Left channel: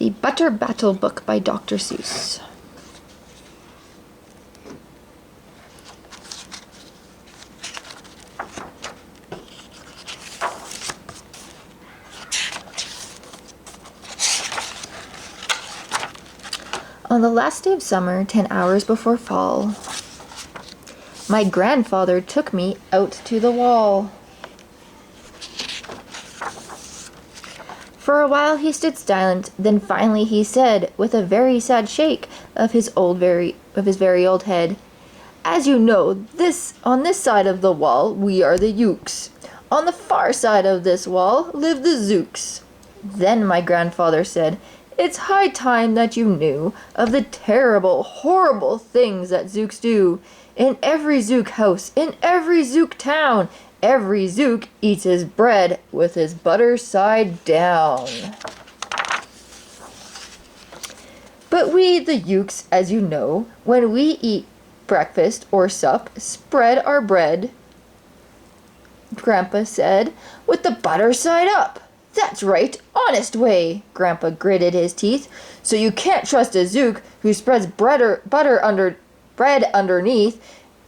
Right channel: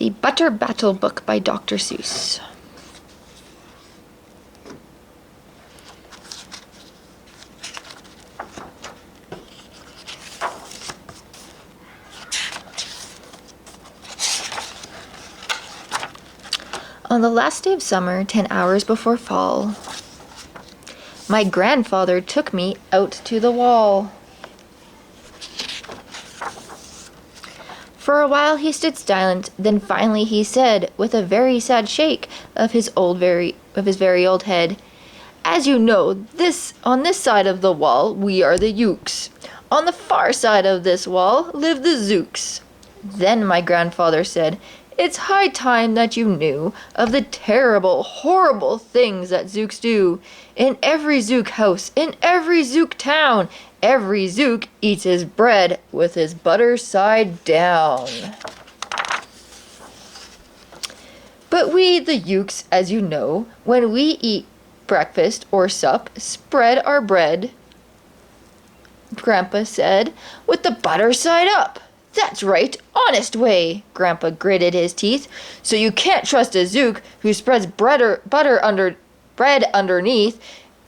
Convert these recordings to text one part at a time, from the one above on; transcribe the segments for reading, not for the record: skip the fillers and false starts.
The Butter Battle book by Dr. Seuss. On the last day of summer, 10 hours before fall, my grandfather took me out to the wall. For a while he stood silent, then finally he said, with a very sad shake of his very old head, "As you know, on this side of the wall we are the Ukes. On the far side of this wall live the Zooks." Then my grandfather said, "It's high time that you knew of the terrible, horrible things that Zooks do. In every Zook house, in every Zook town, every Zook eats his bread with his butter side down. But we, the Ukes, as you know, when we eat breakfast or sup, spread our bread," Grandpa said, "with the butter side up." "That's right, honest way," Grandpa gritted his teeth. "So you can't trust a Zook who spreads bread underneath.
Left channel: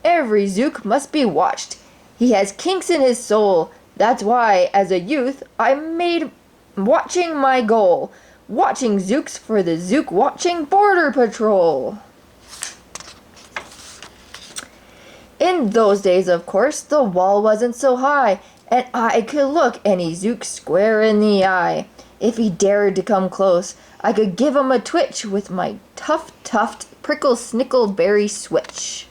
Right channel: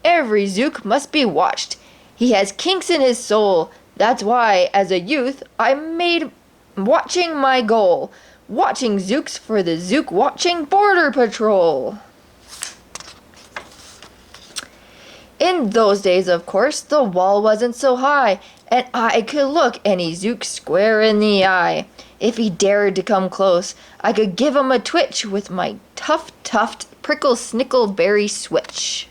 Every Zook must be watched. He has kinks in his soul. That's why, as a youth, I made watching my goal. Watching Zooks for the Zook Watching Border Patrol." In those days, of course, the wall wasn't so high, and I could look any Zook square in the eye. If he dared to come close, I could give him a twitch with my tuft prickle-snickle-berry switch.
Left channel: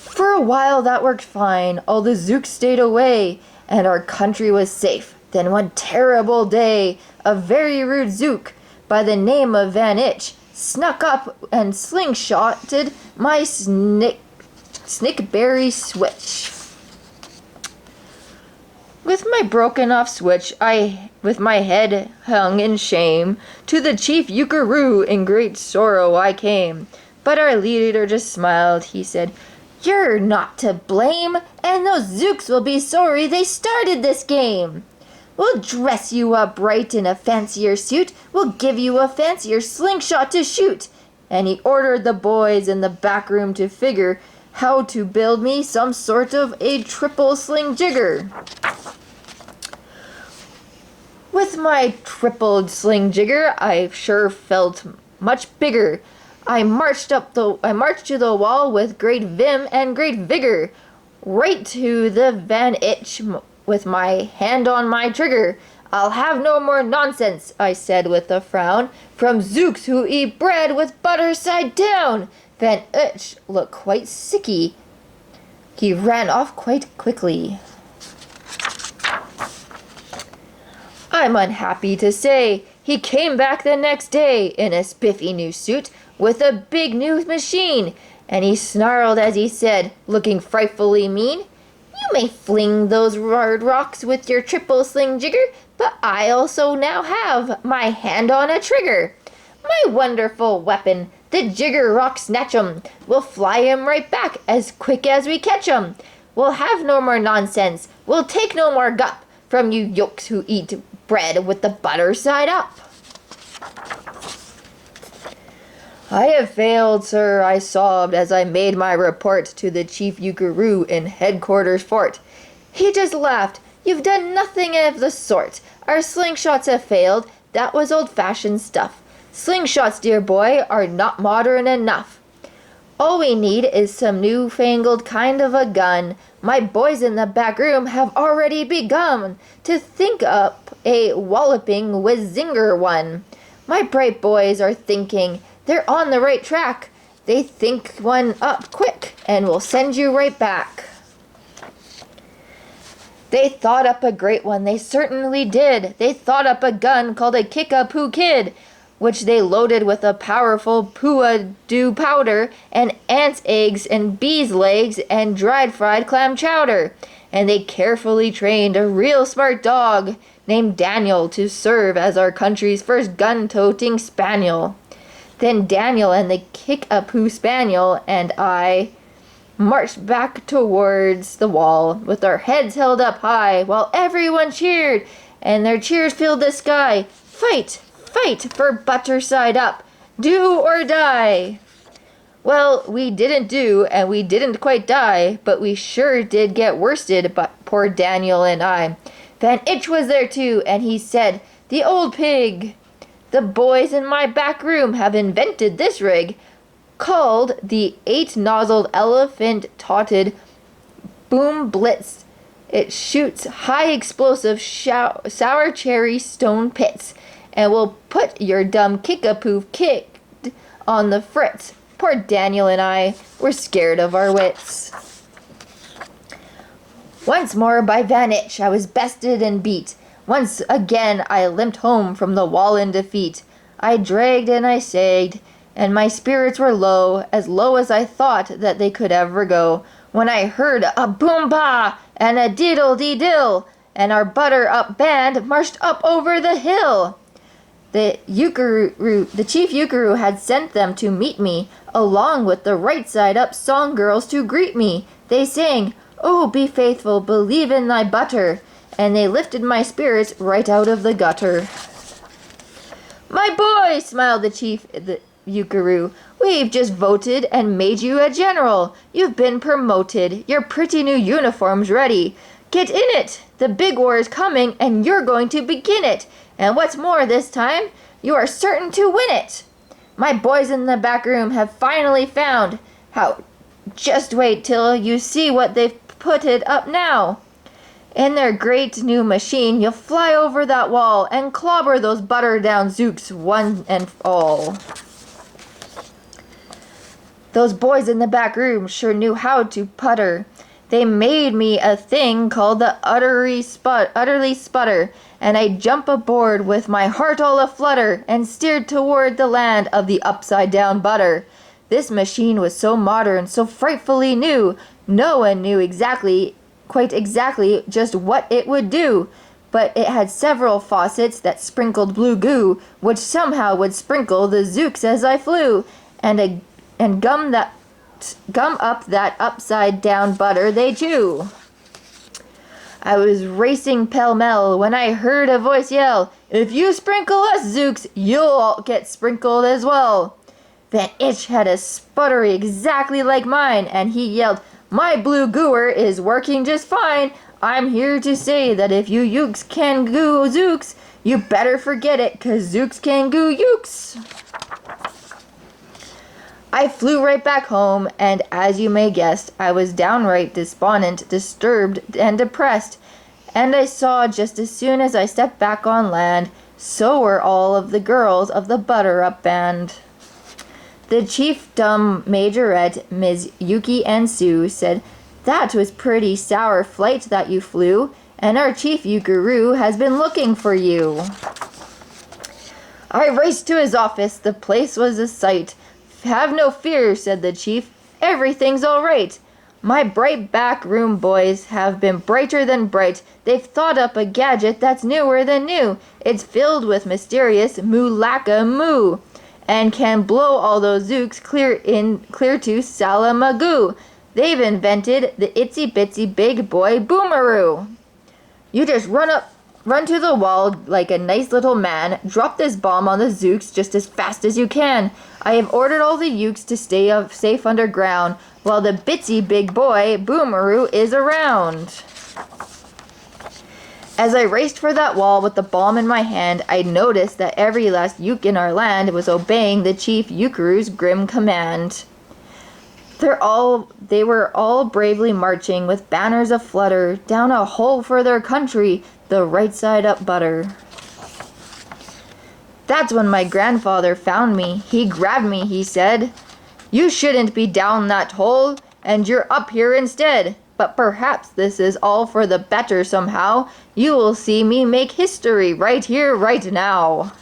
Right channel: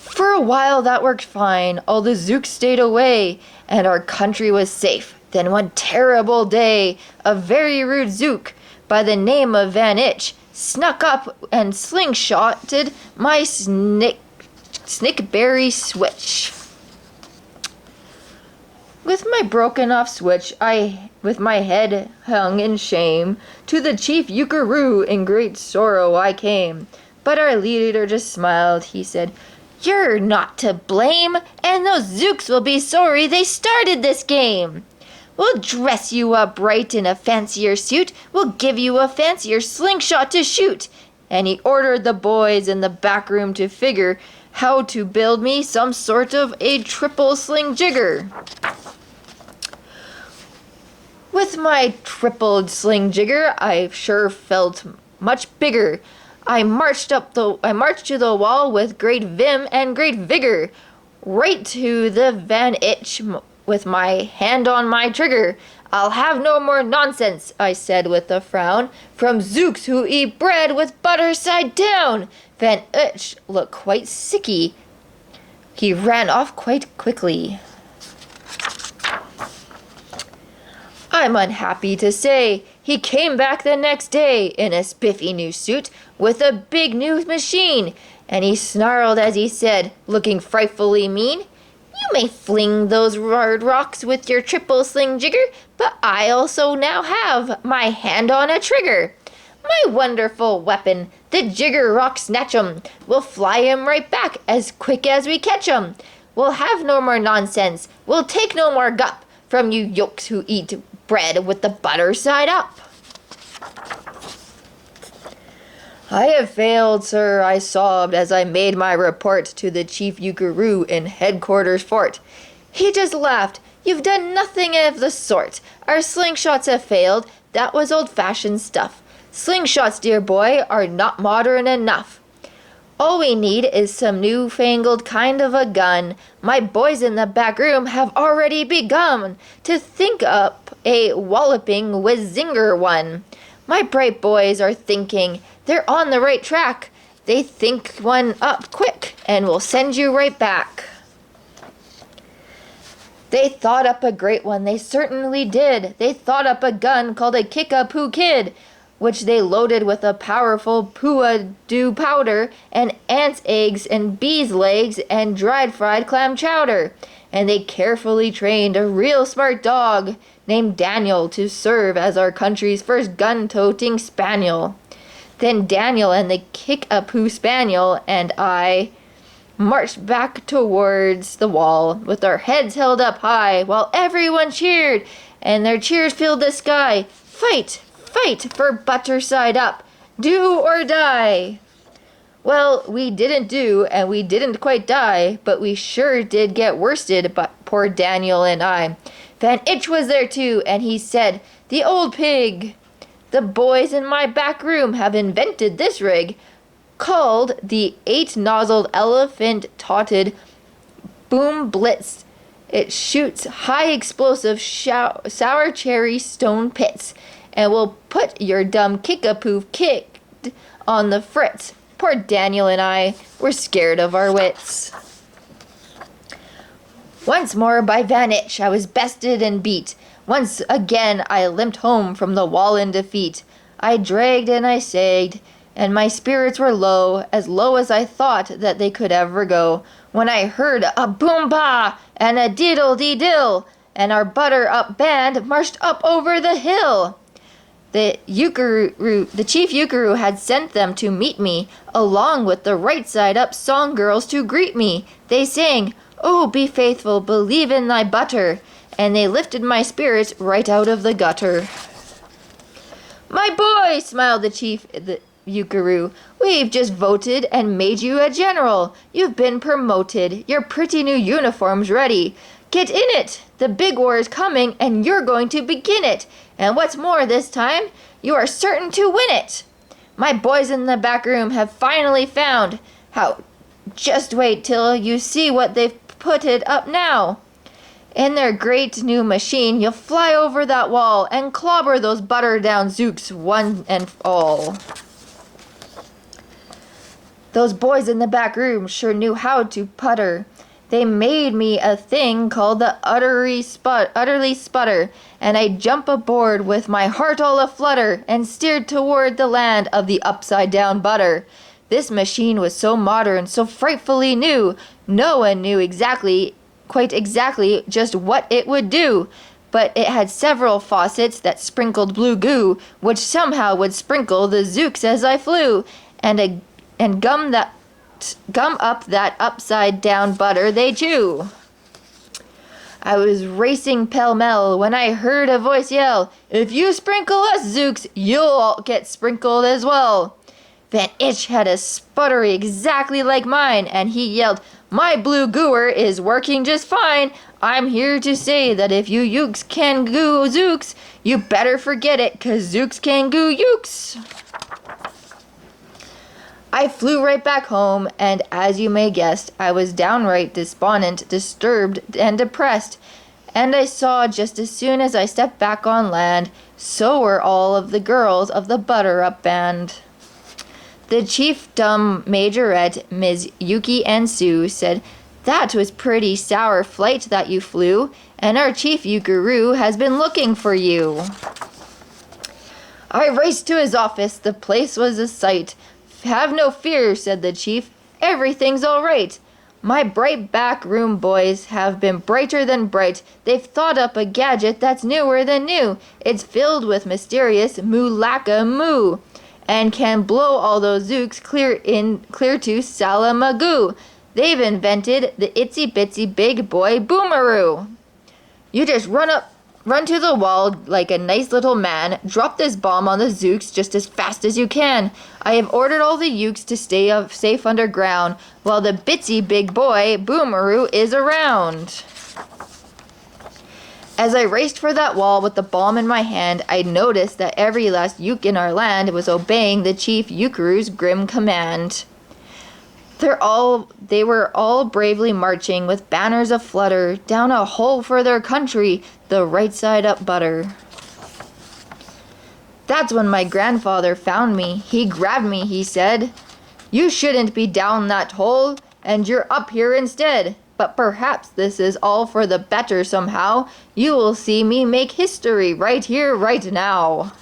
For a while that worked fine, all the Zooks stayed away, and our country was safe. Then one terrible day, a very rude Zook, by the name of Van Itch, snuck up and slingshotted my snickberry switch. With my broken off switch, with my head hung in shame, to the chief Ukaroo in great sorrow I came. But our leader just smiled. He said, "You're not to blame, and those Zooks will be sorry they started this game. We'll dress you up right in a fancier suit. We'll give you a fancier slingshot to shoot." And he ordered the boys in the back room to figure how to build me some sort of a triple sling jigger. With my triple sling jigger, I sure felt much bigger. I marched to the wall with great vim and great vigor, right to the Van Itch with my hand on my trigger. "I'll have no more nonsense," I said with a frown, "from Zooks who eat bread with butter side down." Van Itch looked quite sicky. He ran off quite quickly. I'm unhappy to say he came back the next day in a spiffy new suit with a big new machine, and he snarled as he said, looking frightfully mean, "You may fling those hard rocks with your triple sling jigger, but I also now have my hand on a trigger. My wonderful weapon, the jigger rock snatch 'em. We'll fly 'em right back as quick as we catch 'em. We'll have no more nonsense. We'll take no more gup from you yolks who eat bread with the butter side up." "I have failed, sir," I sobbed as I made my report to the chief Ukaroo in headquarters fort. He just laughed. "You've done nothing of the sort. Our slingshots have failed. That was old-fashioned stuff. Slingshots, dear boy, are not modern enough. All we need is some new-fangled kind of a gun. My boys in the back room have already begun to think up a walloping whiz-zinger one. My bright boys are thinking they're on the right track. They think one up quick and will send you right back." They thought up a great one, they certainly did. They thought up a gun called a Kickapoo Kid, which they loaded with a powerful Poo-a-doo powder and ants' eggs and bees' legs and dried fried clam chowder. And they carefully trained a real smart dog named Daniel to serve as our country's first gun-toting spaniel. Then Daniel and the Kickapoo Spaniel and I marched back towards the wall with our heads held up high while everyone cheered, and their cheers filled the sky. Fight, fight for butter side up. Do or die. Well, we didn't do, and we didn't quite die, but we sure did get worsted, but poor Daniel and I. Van Itch was there too, and he said, "The old pig! The boys in my back room have invented this rig, called the 8-nozzled elephant-totted Boom Blitz. It shoots high explosive sour cherry stone pits, and will put your dumb kickapoo kicked on the fritz." Poor Daniel and I were scared of our wits. Once more by Van Itch I was bested and beat. Once again I limped home from the wall in defeat. I dragged and I sagged, and my spirits were low as I thought that they could ever go, when I heard a boom-bah and a diddle-dee-dill, and our butter-up band marched up over the hill. The chief Euchre had sent them to meet me, along with the right side up song girls to greet me. They sang, "Oh, be faithful, believe in thy butter," and they lifted my spirits right out of the gutter. "My boy," smiled the chief Euchre, "we've just voted and made you a general. You've been promoted, your pretty new uniform's ready. Get in it! The big war is coming, and you're going to begin it. And what's more this time, you are certain to win it. My boys in the back room have finally found how. Just wait till you see what they've put it up now. In their great new machine, you'll fly over that wall and clobber those butter-down zooks one and all." Those boys in the back room sure knew how to putter. They made me a thing called the utterly sputter, and I jump aboard with my heart all aflutter and steered toward the land of the upside-down butter. This machine was so modern, so frightfully new, no one knew quite exactly just what it would do, but it had several faucets that sprinkled blue goo, which somehow would sprinkle the zooks as I flew, and gum up that upside-down butter they chew. I was racing pell-mell when I heard a voice yell, "If you sprinkle us, zooks, you'll all get sprinkled as well." Van Itch had a sputter exactly like mine, and he yelled, "My blue gooer is working just fine. I'm here to say that if you yooks can goo zooks, you better forget it, 'cause zooks can goo yooks." I flew right back home, and as you may guess, I was downright despondent, disturbed, and depressed. And I saw just as soon as I stepped back on land, so were all of the girls of the butter-up band. The chief dumb majorette, Ms. Yuki and Sue, said, "That was pretty sour flight that you flew, and our chief Euchre has been looking for you." I raced to his office. The place was a sight. "Have no fear," said the chief. "Everything's all right. My bright back room boys have been brighter than bright. They've thought up a gadget that's newer than new. It's filled with mysterious moo-lacka-moo, and can blow all those zooks clear to Salamagoo. They've invented the itsy-bitsy big boy boomeroo. You just run to the wall like a nice little man. Drop this bomb on the zooks just as fast as you can. I have ordered all the ukes to stay safe underground while the bitsy big boy boomeroo is around." As I raced for that wall with the bomb in my hand, I noticed that every last uke in our land was obeying the chief Euchre's grim command. They were all bravely marching with banners aflutter down a hole for their country, the right side up butter. That's when my grandfather found me. He grabbed me, he said, "You shouldn't be down that hole, and you're up here instead. But perhaps this is all for the better somehow. You will see me make history right here, right now."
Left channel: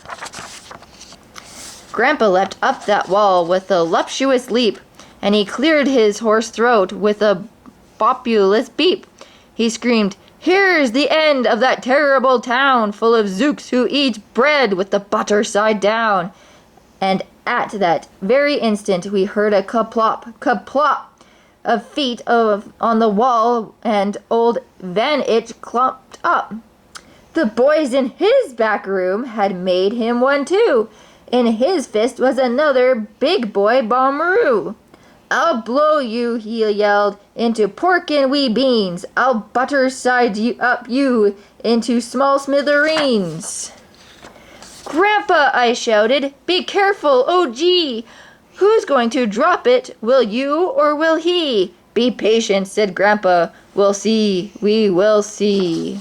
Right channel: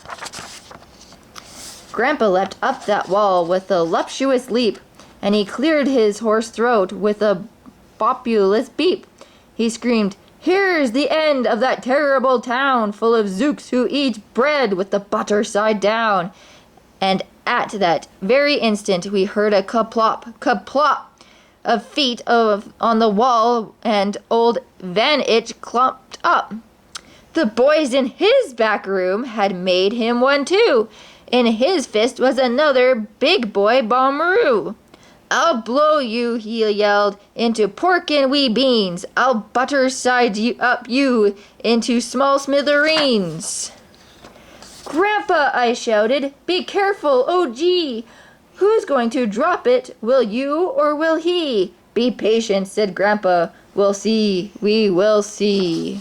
Grandpa leapt up that wall with a luptuous leap, and he cleared his hoarse throat with a populous beep. He screamed, "Here's the end of that terrible town full of zooks who eat bread with the butter side down." And at that very instant we heard a kaplop, kaplop of feet on the wall, and old Van Itch clomped up. The boys in his back room had made him one too. In his fist was another big boy bomberoo. I'll blow you, he yelled, into pork and wee beans. I'll butter side you up you into small smithereens. Grandpa, I shouted, be careful, oh gee! Who's going to drop it, will you or will he? Be patient, said Grandpa, we'll see, we will see.